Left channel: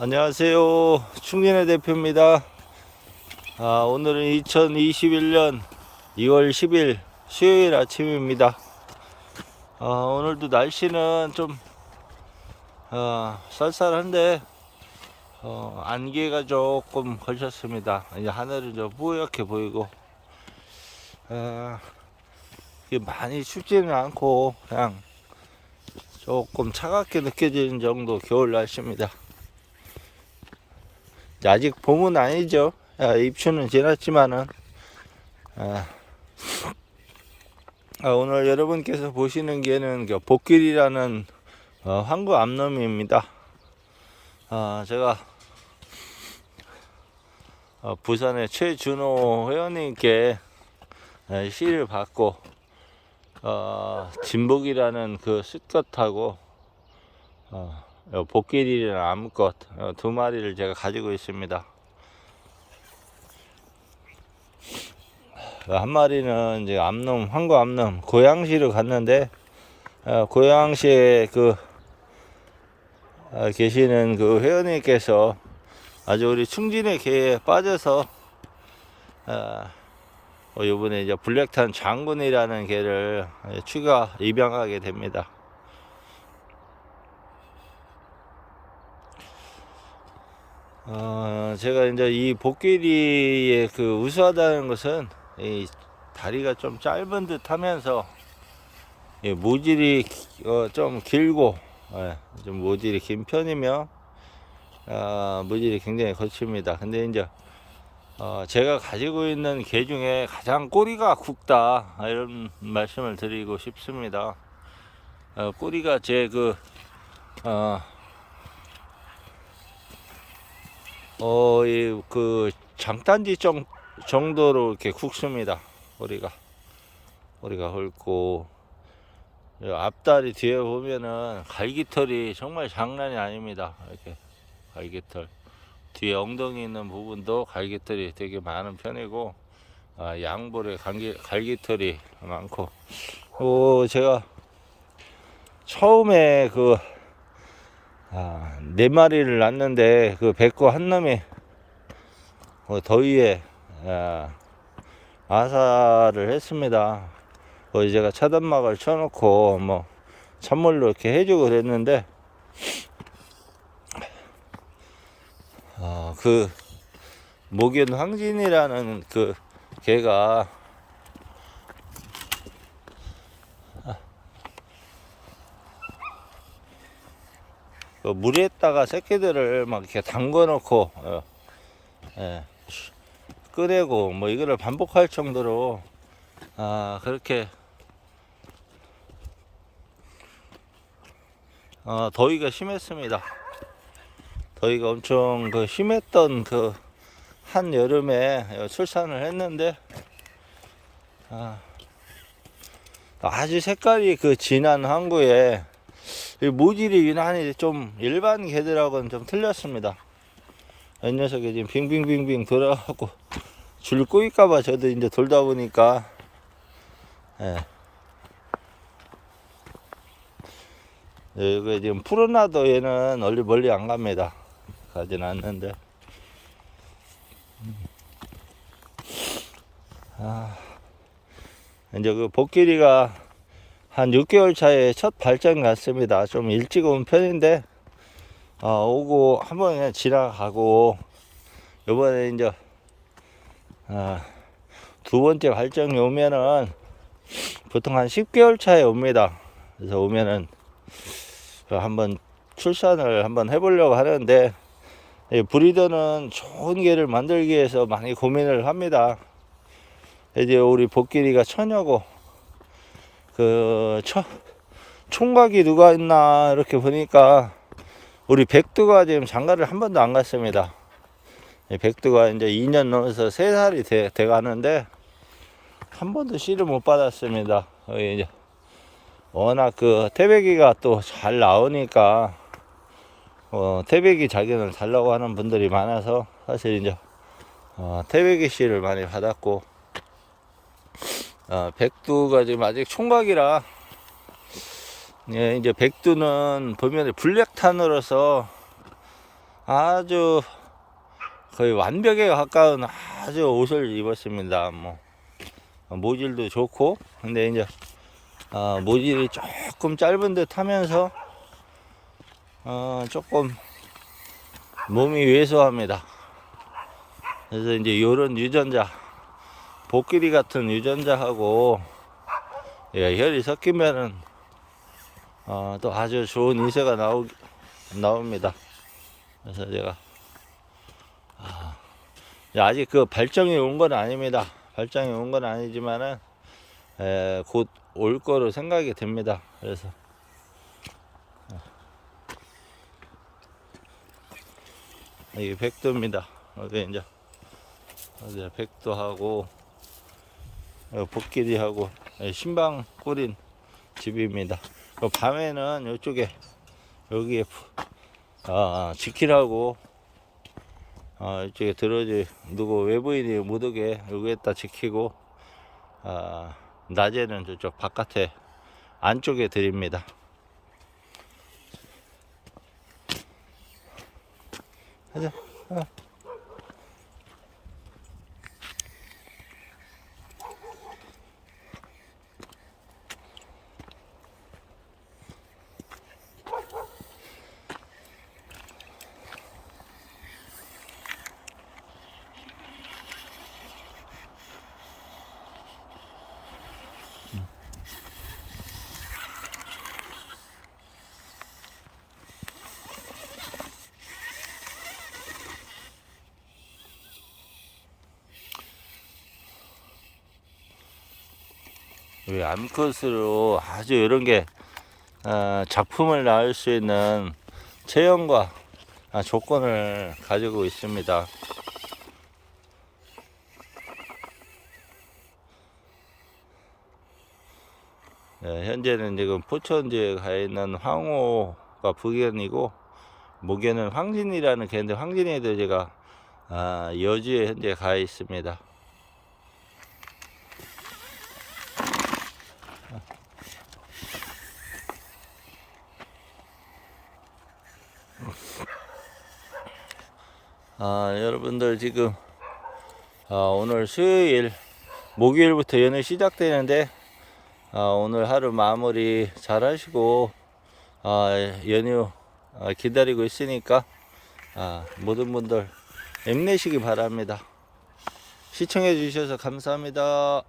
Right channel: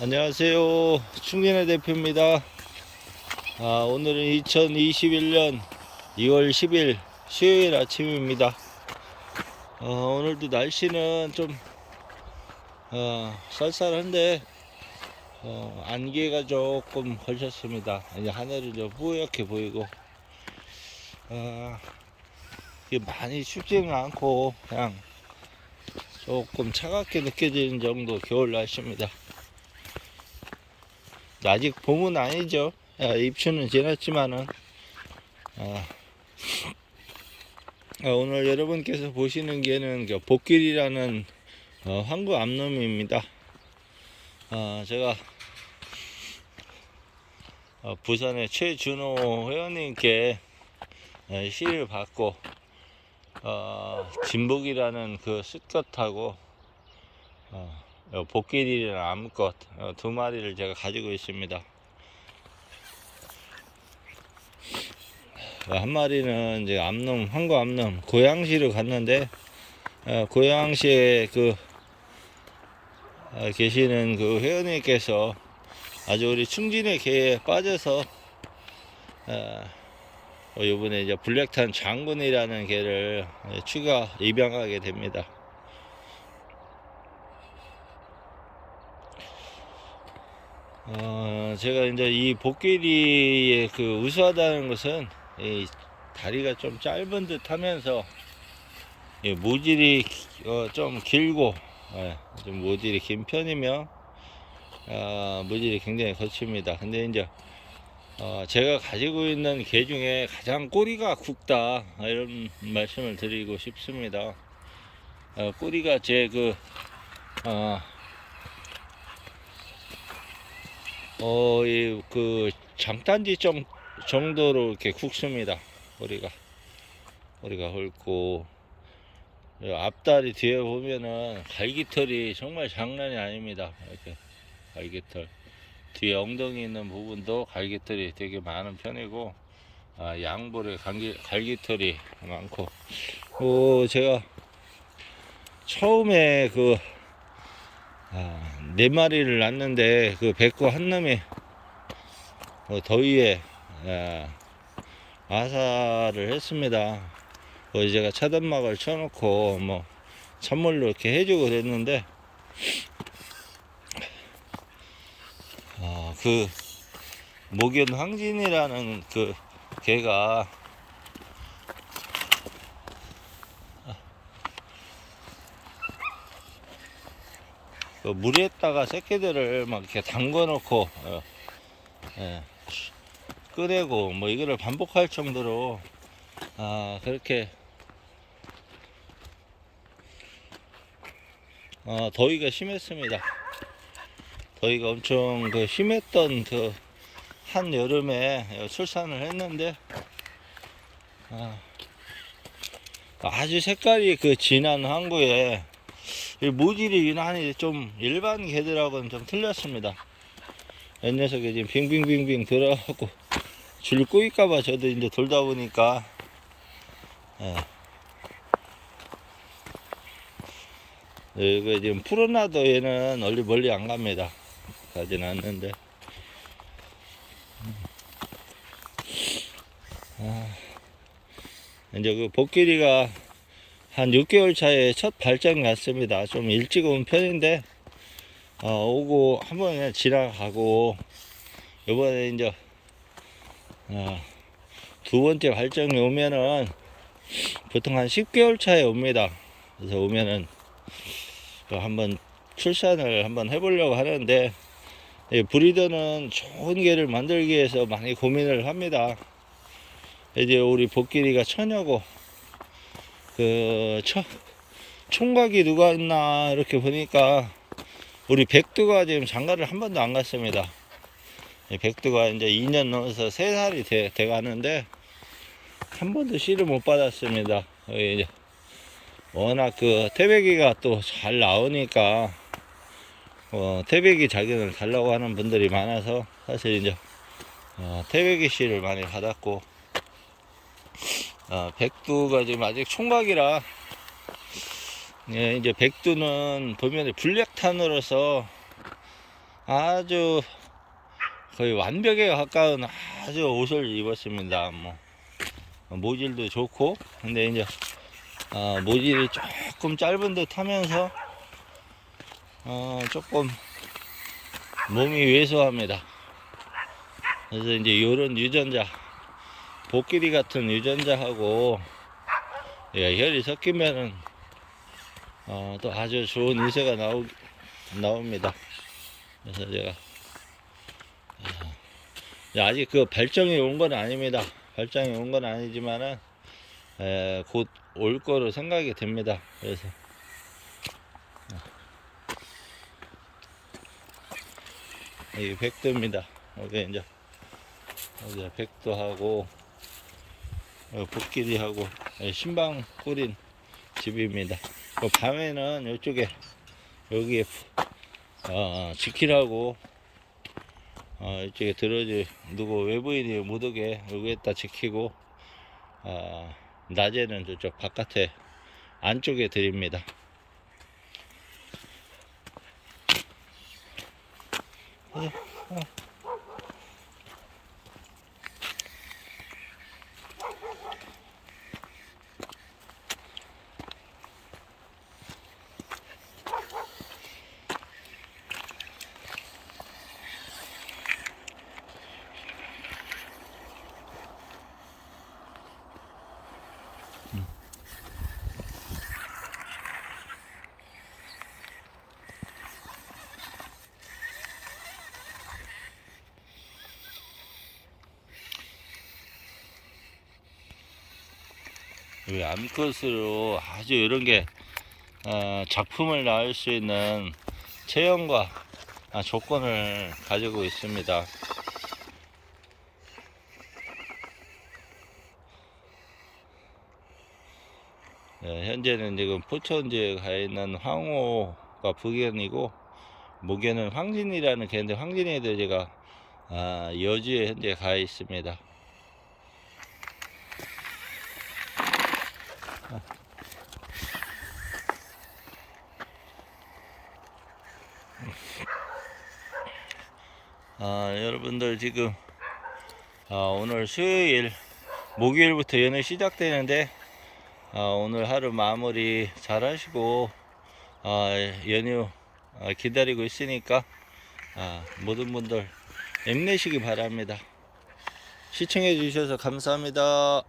안녕하세요. 충진의 대표입니다. 아, 오늘은 2021년 2월 10일 수요일 아침입니다. 아, 오늘도 날씨는 좀 어, 쌀쌀한데 어, 안개가 조금 걸쳤습니다. 이제 하늘은 좀 뿌옇게 보이고 어, 많이 춥지는 않고 그냥 조금 차갑게 느껴지는 정도 겨울 날씨입니다. 아직 봄은 아니죠. 아, 입추는 지났지만은 아, 아, 오늘 여러분께서 보시는 개는 그 복길이라는 어, 황구 암놈입니다. 아, 제가 어, 부산의 최준호 회원님께 에, 시를 받고 어, 진복이라는 그 수컷하고 어, 요 복길이라는 암컷 어, 두 마리를 제가 가지고 있습니다. 한 마리는 이제 암놈, 황구 암놈 고양시로 갔는데 어, 고양시에 그 어, 계시는 그 회원님께서 아주 우리 충진의 개에 빠져서 어, 어, 이번에 이제 블랙탄 장군이라는 개를 추가 입양하게 됩니다. 어, 제가 이제 이 복귀리의 그 우수하다는 것은 이 다리가 좀 짧은 듯 하면서 이 모질이 기- 어, 좀 길고 예, 좀 모질이 긴 편이며 어, 모질이 굉장히 거칩니다. 근데 이제 어, 제가 가지고 있는 개 중에 가장 꼬리가 굵다 이런 말씀을 드리고 싶습니다. 어, 꼬리가 제그 어, 어, 이, 그, 장단지 정, 정도로 이렇게 굵습니다. 머리가. 머리가 굵고, 이 앞다리 뒤에 보면은 갈기털이 정말 장난이 아닙니다. 이렇게, 갈기털. 뒤에 엉덩이 있는 부분도 갈기털이 되게 많은 편이고, 아, 양볼에 갈기, 갈기털이 많고, 어, 제가 처음에 그, 아, 네 마리를 낳는데 그 백구 한 놈이 어, 더위에 아, 아사를 했습니다. 거기 제가 차단막을 쳐놓고 뭐 찬물로 이렇게 해주고 그랬는데 어, 그 목연 황진이라는 그 개가 그 물에다가 새끼들을 막 이렇게 담궈 놓고 어, 예, 끄내고 뭐 이거를 반복할 정도로 아 그렇게 어, 더위가 심했습니다. 더위가 엄청 그 심했던 그 한 여름에 출산을 했는데 아, 아주 색깔이 그 진한 항구에 이 모질이 유난히 좀 일반 개들하고는 좀 틀렸습니다. 이 녀석이 지금 빙빙빙빙 돌아가고 줄 꼬일까봐 저도 이제 돌다 보니까 예. 예, 이거 지금 푸르나도 얘는 멀리 멀리 안 갑니다. 가진 않는데. 음. 아, 이제 그 복길이가 한 6개월 차에 첫 발전 갔습니다. 좀 일찍 온 편인데, 어, 오고 한번 그냥 지나가고, 요번에 이제, 어, 두 번째 발정이 오면은, 보통 한 10개월 차에 옵니다. 그래서 오면은, 그 한번 출산을 한번 해보려고 하는데, 이 브리더는 좋은 개를 만들기 위해서 많이 고민을 합니다. 이제 우리 복길이가 처녀고, 그 처, 총각이 누가 있나 이렇게 보니까 우리 백두가 지금 장가를 한 번도 안 갔습니다. 이 백두가 이제 2년 넘어서 3살이 돼, 돼 가는데 한 번도 씨를 못 받았습니다. 이제 워낙 그 태백이가 또 잘 나오니까 어, 태백이 자기를 달라고 하는 분들이 많아서 사실 이제 어, 태백이 씨를 많이 받았고 어, 백두가 지금 아직 총각이라 예, 이제 백두는 보면 블랙탄으로서 아주 거의 완벽에 가까운 아주 옷을 입었습니다. 뭐 모질도 좋고 근데 이제 아, 모질이 조금 짧은 듯 하면서 어, 조금 몸이 왜소합니다. 그래서 이제 요런 유전자 복끼리 같은 유전자하고 예, 혈이 섞이면은 어, 또 아주 좋은 유세가 나오, 나옵니다. 그래서 제가 아, 아직 그 발정이 온 건 아닙니다. 발정이 온 건 아니지만은 곧 올 거로 생각이 됩니다. 그래서 이 백도입니다. 어디 이제 어디 백도하고 복길이하고 신방 꾸린 집입니다. 그 밤에는 이쪽에 여기에 아, 지키라고 아, 이쪽에 들어지 누구 외부인이 못 오게 여기에다 지키고 아, 낮에는 저쪽 바깥에 안쪽에 드립니다. 가자. 이 암컷으로 아주 이런 게 어, 작품을 낳을 수 있는 체형과 아, 조건을 가지고 있습니다. 예, 현재는 지금 포천지에 가 있는 황호가 북견이고 목견은 황진이라는 개인데 황진이도 제가 아, 여주에 현재 가 있습니다. 아, 여러분들 지금 아, 오늘 수요일 목요일부터 연휴 시작되는데 아, 오늘 하루 마무리 잘 하시고 아, 연휴 아, 기다리고 있으니까 아, 모든 분들 힘내시기 바랍니다. 시청해 주셔서 감사합니다.